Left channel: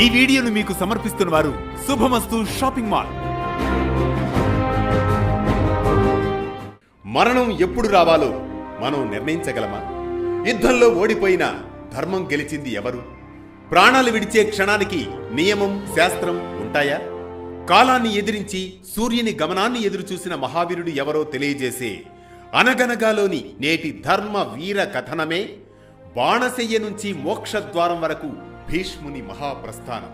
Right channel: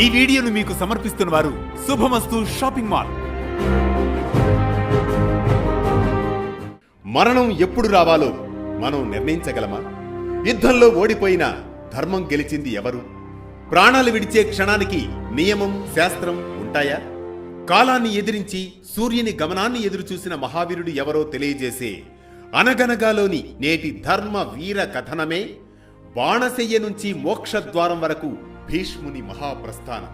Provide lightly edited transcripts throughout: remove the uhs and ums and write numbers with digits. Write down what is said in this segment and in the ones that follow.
ఈ వీడియోను మీకు సమర్పిస్తున్న వారు శుభమస్తు షాపింగ్ మాల్. మరణం ఎప్పుడు రావాలో మనం నిర్ణయించగలమా? యుద్ధంలో ఓడిపోయిన ధర్మం గెలిచింది ఎవరు? ప్రాణాలు విడిచే క్షణానికి నియమం, శాస్త్రం ఉంటాయా? కాలాన్ని ఎదిరించి సూర్యుని గమనాన్ని ఎదురుచూసిన మహావీరుడు ఎవరో తెలియజేసే అనగనగాలోని నేటి ధర్మ వీర కథనమే బాణశయ్య నుంచి మోక్షద్వారం వరకు భీష్ముని మహాప్రస్థానం.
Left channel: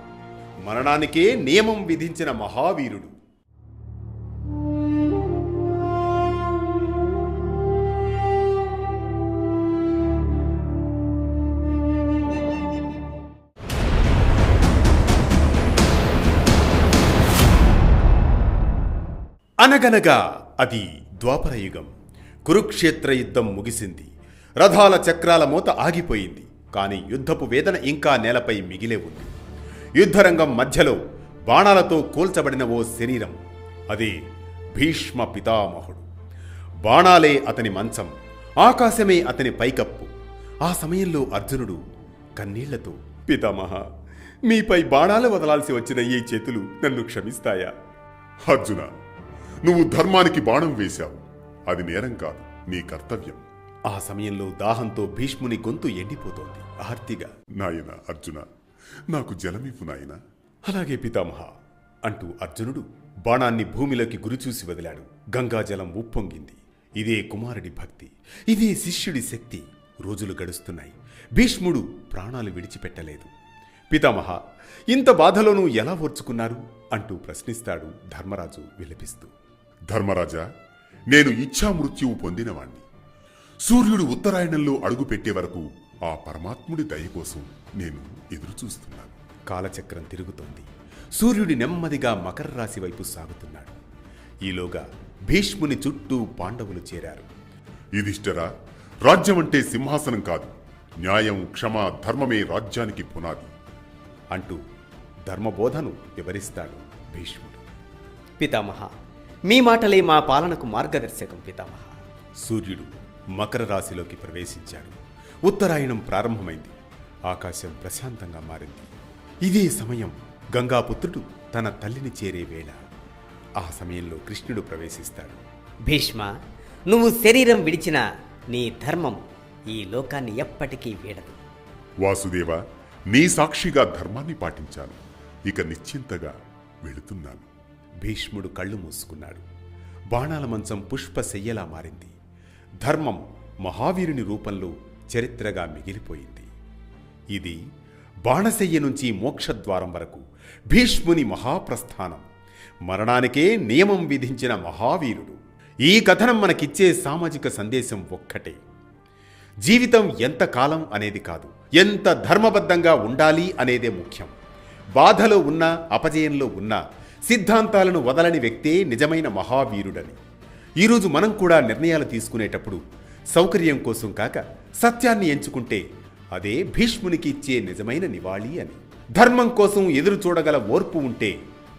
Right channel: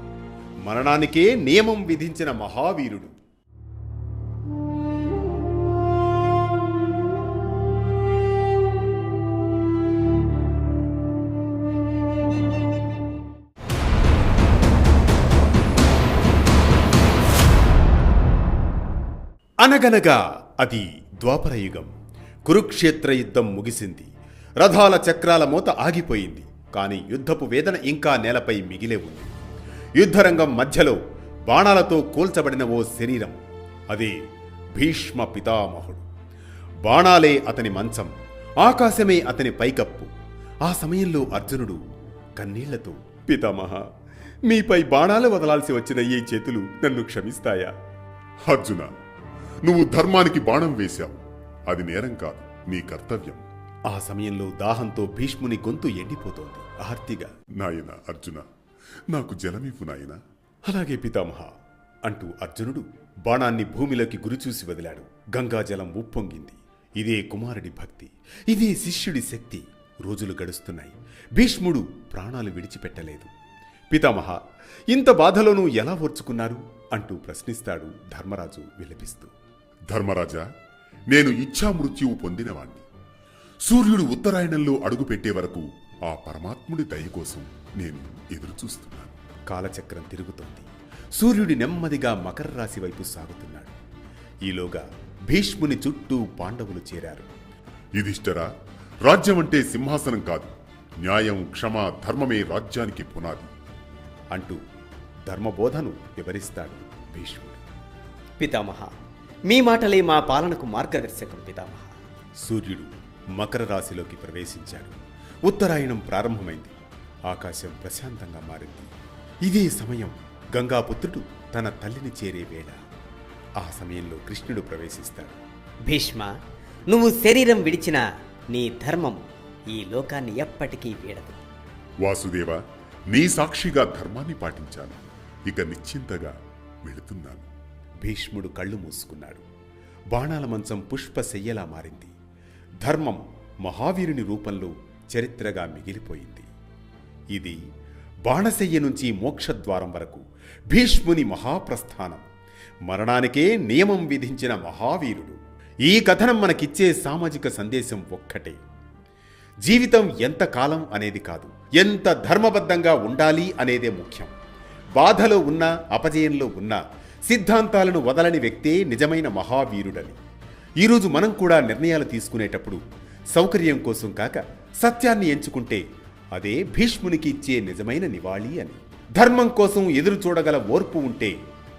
మరణానికే నియమం విధించిన మహావీరుడు. అనగనగా అది ద్వాపరయుగం. కురుక్షేత్ర యుద్ధం ముగిసింది. రథాల చక్రాల మోత ఆగిపోయింది. కానీ యుద్ధపు వేదన ఇంకా నేలపై మిగిలే ఉంది. యుద్ధరంగం మధ్యలో బాణాలతో కూల్చబడిన ఓ శరీరం. అదే భీష్మ పితామహుడు. బాణాలే అతని మంచం, ఆకాశమే అతని పైకప్పు. ఆ సమయంలో అర్జునుడు కన్నీళ్లతో, పితామహ, మీపై బాణాలు వదలాల్సి వచ్చిన ఈ చేతులు నన్ను క్షమిస్తాయా? అర్జున, నువ్వు ధర్మానికి బాణం వేశావు. అది నేరం కాదు, నీ కర్తవ్యం. ఆ సమయంలో దాహంతో భీష్ముని గొంతు ఎండిపోతోంది. ఆర్తిగా, నాయన అర్జున, నాకు జలమివ్వు నాయన. అలాగే పితామహ అంటూ అర్జునుడు బాణాన్ని భూమిలోకి గురిచూసి వదిలాడు. గంగాజలం ఉప్పొంగింది. ఇదే కుమారుడి భక్తి, ఇదే శిష్యుడి శక్తి. రోజులు గడుస్తున్నాయి. భీష్ముడు ప్రాణాలు విడిచిపెట్టలేదు. పితామహ, ఇంత బాధలోనూ ఎలా ఓర్చుకున్నారు అంటూ ప్రశ్నిస్తాడు ధర్మరాజు విలపిస్తూ. ధర్మరాజా, నేను ఇచ్ఛామృత్యువు పొందినవాణ్ణి. సూర్యుడు ఉత్తరాయణంలో అడుగుపెట్టే వరకు ఆ పరమాత్ముడి దయ కోసం నేను ఎదురు చూస్తున్నాను. కాలచక్రం తిరుగుతోంది. సూర్యుడి నెమ్మదిగా మకర రాశి వైపు సాగుతున్నాడు. ఈలోగా భీష్ముని చుట్టూ పాండవులు చేరారు. యుధిష్ఠిరా, రాజ్యం అంటే సింహాసనం కాదు, న్యాయం, క్షమ, ధర్మమే రాజ్యానికి పునాది అంటూ ధర్మబోధను వివరిస్తాడు భీష్ముడు. పితామహ, మీ మాటలే మా పాలనకు మార్గదర్శకం పితామహ. సూర్యుడు మకర రాశిలోకి ప్రవేశించాడు. ఉత్తరాయణం ప్రారంభమైంది. ఆకాశం ప్రశాంతంగా మారింది. ఇదే సమయం గంగాపుత్రుడు తన తల్లిని చేరే వేళ. ఆ సమయంలో కృష్ణుడు ప్రవేశిస్తాడు. భీష్మ, నువ్వు శరీరం విడిచిన నీ ధర్మం ఈ లోకాన్ని ఎప్పటికీ వీడదు. వాసుదేవ, నీ సాక్షిగా ధర్మాన్ని పాటించాను. ఇక నిశ్చింతగా వెళుతున్నాను. భీష్ముడు కళ్ళు మూసుకున్నాడు. బాణాల మంచం పుష్పశయ్యలా మారింది. ధర్మం మహావీరుని రూపంలో చరిత్రగా మిగిలిపోయింది. ఇది బాణశయ్య నుంచి మోక్షద్వారం వరకు భీష్ముని మహాప్రస్థానం. మరణానికే నియమం విధించిన మహావీరుడు. ఈ కథనం మనకిచ్చే సామాజిక సందేశం ఒక్కటే. జీవితం ఎంత కాలం అనేది కాదు, ఎంత ధర్మబద్ధంగా ఉండాలి అనేదే ముఖ్యం. బాధలో ఉన్నా, అపజయంలో ఉన్నా సిద్ధాంతాలను వదలని వ్యక్తే నిజమైన మహావీరుడని. ఈరోజు మనం కూడా నిర్ణయాలు తీసుకునేటప్పుడు సౌకర్యం కోసం కాక సత్యాన్ని ఎంచుకుంటే అదే భీష్మునికి ఇచ్చే నిజమైన నివాళి అని. ధర్మం కోసం ఎదురు చూడగల ఓర్పు ఉంటే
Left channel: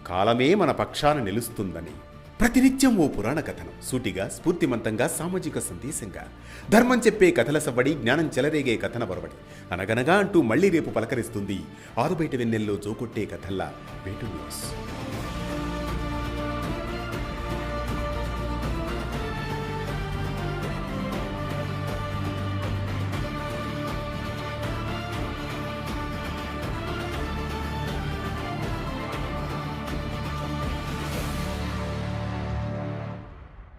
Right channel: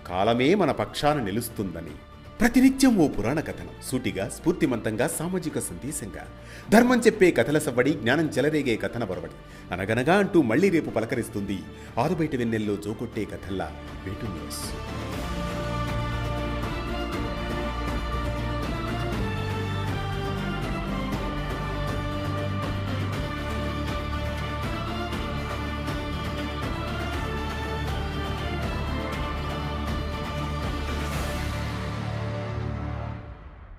కాలమే మన పక్షాన నిలుస్తుందని. ప్రతినిత్యం ఓ పురాణ కథనం, సూటిగా, స్ఫూర్తిమంతంగా, సామాజిక సందేశంగా. ధర్మం చెప్పే కథల సవ్వడి, జ్ఞానం చెలరేగే కథన బరవడి. అనగనగా అంటూ మళ్లీ రేపు పలకరిస్తుంది ఆరుబయట వెన్నెల్లో జోకొట్టే కథల్లా వేటు న్యూస్.